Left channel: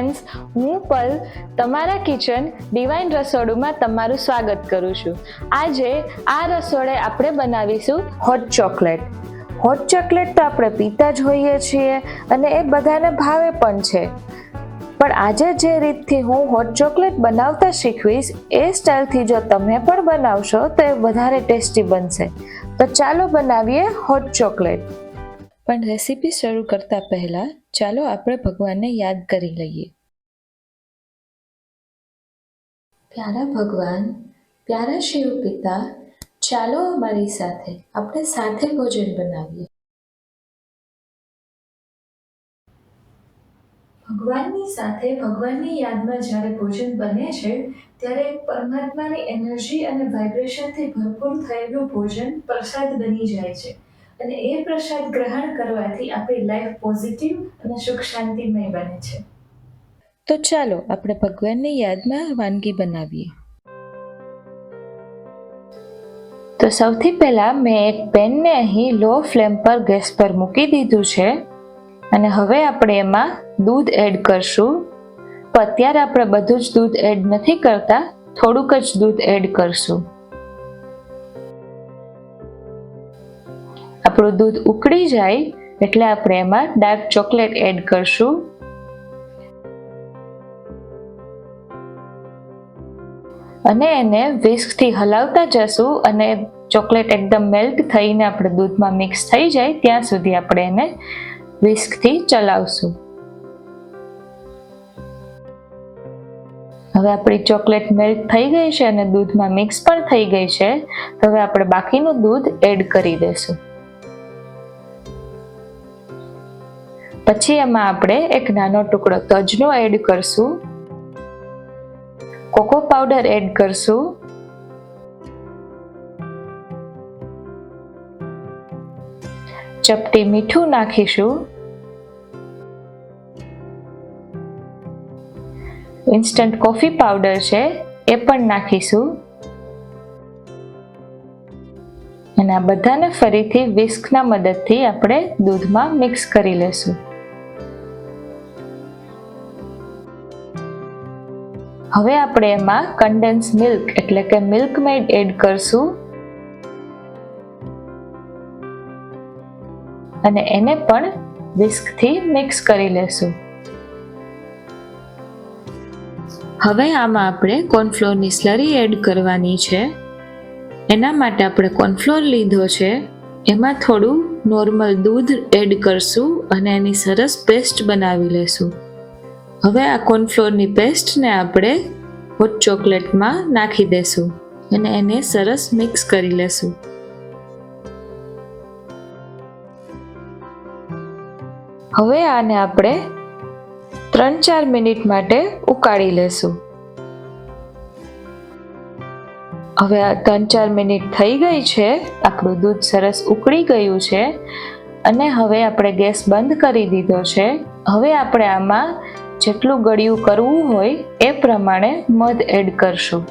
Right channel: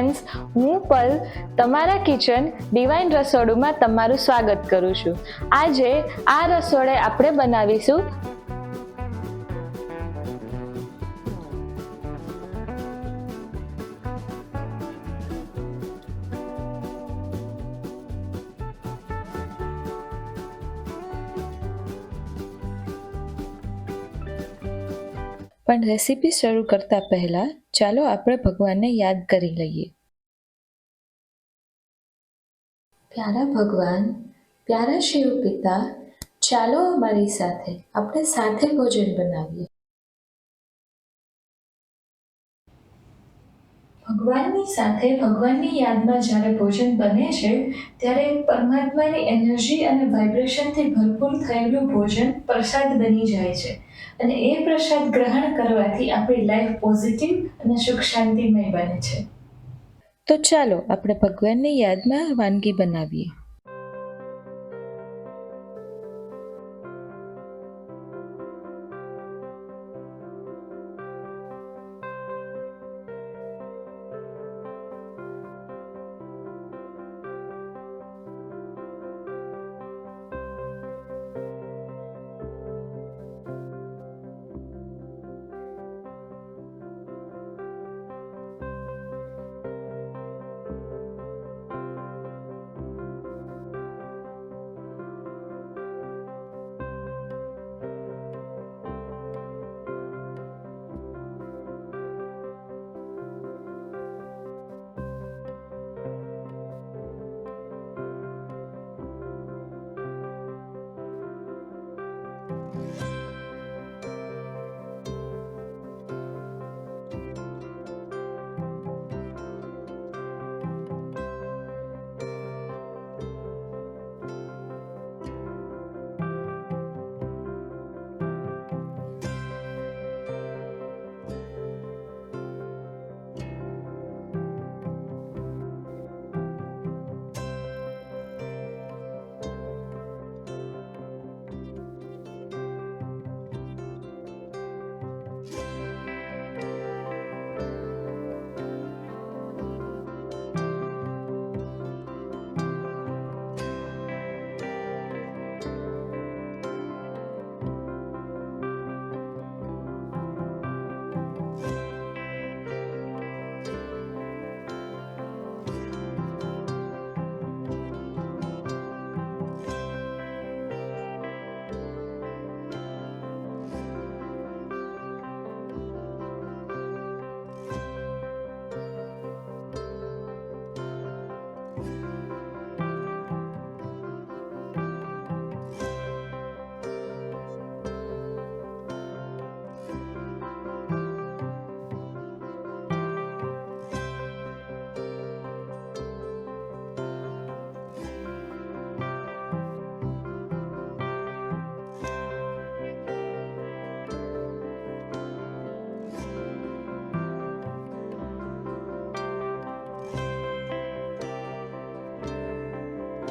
Friends હું પલ, તમારા kitchen divine રસોડુંમાં તમારું સ્વાગત કરું છું. આજે આ રસોડે આપણે બનાવીશું હોટ ચોકલેટ હોટ ચોકલેટ તો આપણે પીતા જ હોઈએ છીએ અને એ બધાને ભાવે પણ છે. પણ આજે જે રીતથી હું હોટ ચોકલેટ બનાવતા શીખવીશ, એ સ્ટાઇલથી જો તમે પણ બનાવશો તો એ વધારે ટેસ્ટી બનશે. તો ચાલો બનાવીએ હોટ ચોકલેટ પણ રેસીપી શરૂ કરતા પહેલા ચાલો આપણે ભગવાનને યાદ કરી લઈએ. પ્યારા ભગવાન, પ્યારા શિવ પિતા, ચાલો અમારી સાથે, આપણે સાથે ભોજન બનાવીએ. ભગવાનની સાથે, ભગવાનની યાદમાં જ્યારે ભોજન બને છે, ત્યારે પરમાત્માની એનર્જી અને વાઇબ્રેશનથી ભરપૂર થયેલું ભોજન પ્રસાદ બની જાય છે. અને એ પ્રસાદ ગ્રહણ કરવાથી આપણી લાઈફ પોઝિટિવ અને સુખ શાંતિમય બને છે. તો ચાલો આપણે ભગવાનની યાદમાં વાનગી બનાવીએ. તો સૌથી પહેલાં મેં એક પેનને અહીં લો ફ્લેમ પર ગેસ પર મૂકી દીધું છે. અને હવે આપણે એમાં દૂધ એડ કરશું. તો અત્યારે આપણે બધું જ દૂધ એડ નથી કરતા, થોડુંક જ દૂધ એડ કરશું. આપણું દૂધ ઉકળી જાય એટલે આપણે એમાં ડાર્ક ચોકલેટ એડ કરશું. અને એને વિસ્કથી હલાવતા જશું અને ચોકલેટ એકદમ મેલ્ટ થઈને આપણે દૂધમાં મિક્સ થઈ જાય, ત્યાં સુધી આપણે એને વિસ્કથી ચલાવશું. હવે આપણી ચોકલેટ મેલ્ટ થઈ ગઈ છે અને દૂધમાં મિક્સ પણ થઈ ગઈ છે. હવે આપણે બાકીનું દૂધ એડ કરી દેશું પછી એમાં આપણે એક નાનો ટુકડો તજનો એડ કરશું. કોકો પાવડર એડ કરશું. ચપટી મીઠું નાખીશું. ઇન્સ્ટન્ટ કોફી પાવડર છે, એ પણ નાખીશું. અને આ બધાને ફરીથી વિસ્કના મદદથી આપણે દૂધમાં મિક્સ કરી લેશું. હવે આપણે એમાં કન્ડેન્સ મિલ્ક એટલે કે મિલ્ક મેડ એડ કરશું. અને એને પણ વિસ્કથી મિક્સ કરી લેશું. હવે આમાં આપણે કોર્નફ્લોરની સ્લરી એડ કરવાની છે. એના માટે આપણે કોર્નફ્લોર લીધો છે. એમાં થોડું નોર્મલ દૂધ એડ કરશું અને એની સરસ પેસ્ટ બનાવી લેશું. હવે આ કોર્નફ્લોરની પેસ્ટને આપણે હોટ ચોકલેટમાં નાખી દેશું અને એને સરસ મિક્સ કરી લેશું. હવે આને આપણે ત્રણ ચાર મિનિટ માટે ઉકાળી લેશું. હવે આ ત્રણ ચાર મિનિટ થઈ ગઈ છે, આપણું દૂધ સરસ ઉકળી ગયું છે અને હવે આપણે ગેસ બંધ કરી દીધો છે. હવે આપણે આમાં જેટલું ગળ્યું કરવું હોય એ પ્રમાણે મધ એડ કરશું.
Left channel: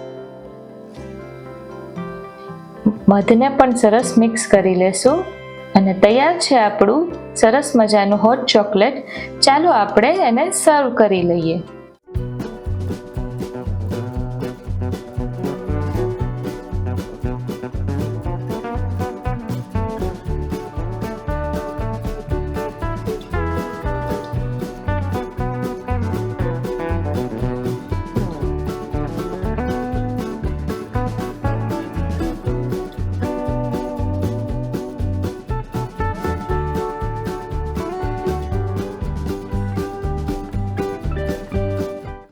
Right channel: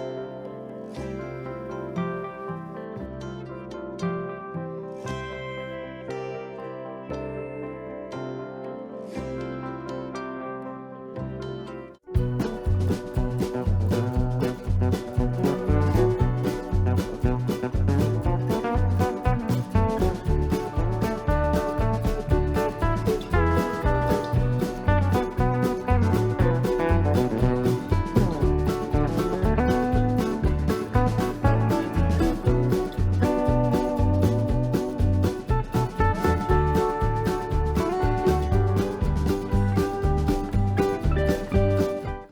મધને પણ સરસ મિક્સ કરી લેશું. અને તૈયાર છે આપણું સરસ મજાનું હોટ ચોકલેટ ચાલો આપણે એને સર્વ કરી લઈએ.